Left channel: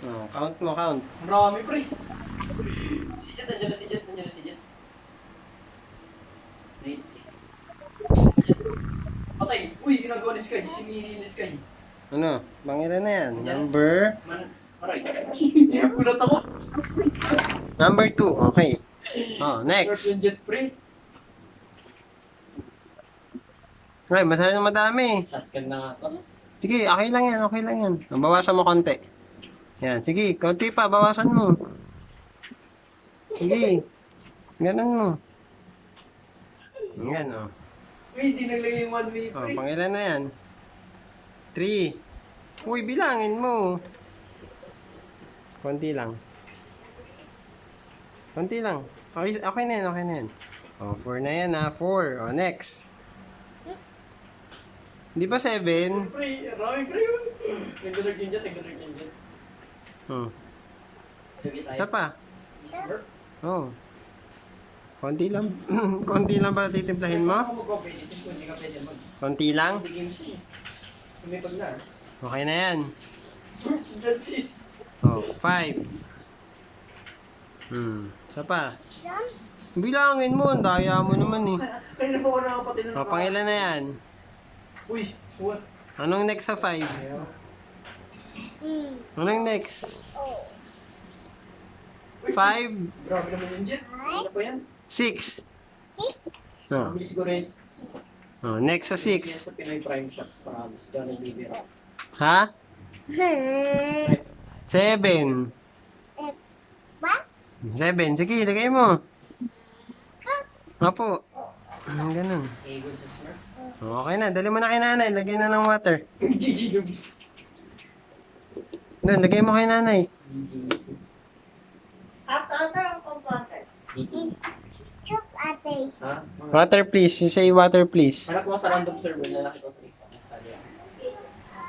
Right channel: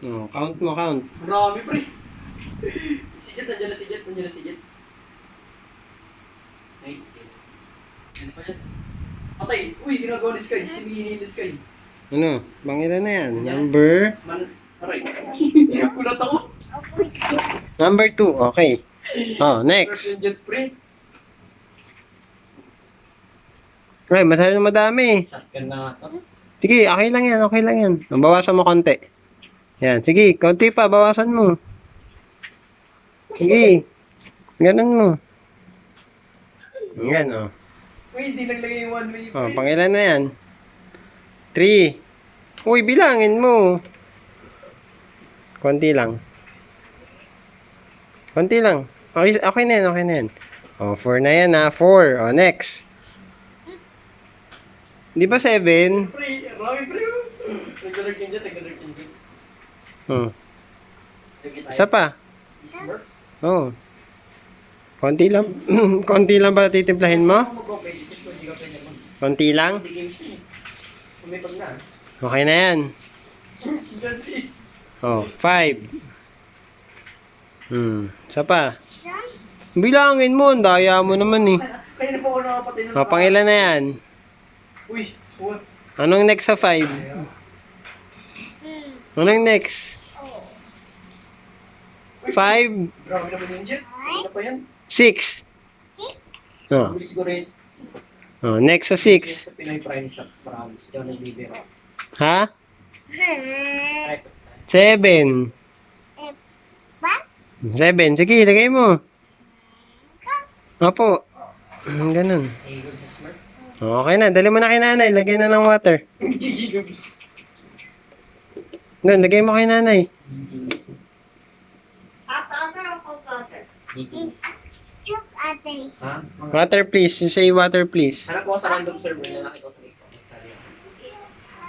Oh, count mo, count. Marami, pre. Si Jet, nandiyan na si Jet. Nandiyan na si Jet. Nice. Patay. Uy, ginagawa ni Sky. Sinihini ni Sky. Ano? Pangilan na yan. Number? Aray. Gulat ako. Number 2. Okay. Oh, next. Yung Jet, pre. Ay, masyadong madami. Shotgun na nga to. Sige, okay lang yan. Okay lang yan. Bawasan mo konti. Yan. Sige, konti pa. Bawasan mo. Sige. Ganun mo. Yan, oh. Uy, hindi naglagay yung one way, Oh, pre. pangilan na yan. 3. Uy, bilangin mo. Konti lang. Konti lang. Okay, okay na yan, okay na yan. Oh, 4 na yan ha. 4. Oh, next. Di ba 7? Pre, marami, pre. Nagdadag yung Jet, nagdadag yung Jet. Oh. Sige tayo. Isa pa. Smurf. Oh. Konti lang. Konti lang ba titimplahin mo? Ako mag-open, Jet, kung hindi ka pwede mag- Konti lang. Hindi games yun eh. Umipag na. Okay na yan. Jet, sis. Oh, 5. Isa pa. Bilangin mo. Ang daya mo naman eh. Kaya na pa ako nakapatay ng Oh, pangilan na yan. Uy, what? Anong next sa 5? Anong next? 5, Grabe naman yung Jet. Ano pa yan? 6. Oh. Mabilis siguro yung Oh, next sa 6. sa Pinoy Prime Shop. Promise. Diyan nagbibira. Ha? Right. 7. 7. Sige, lagay mo. Opo. Ganun. Eagle sa Smurf. Okay na. Dali mo na kay nanay. Lagay na ng water. GG Lubs. Doon, lagay mo kay nanay. GG's. GG's. Ha? Water please. You say water please. Hanap mo sa random server na nakita ko sa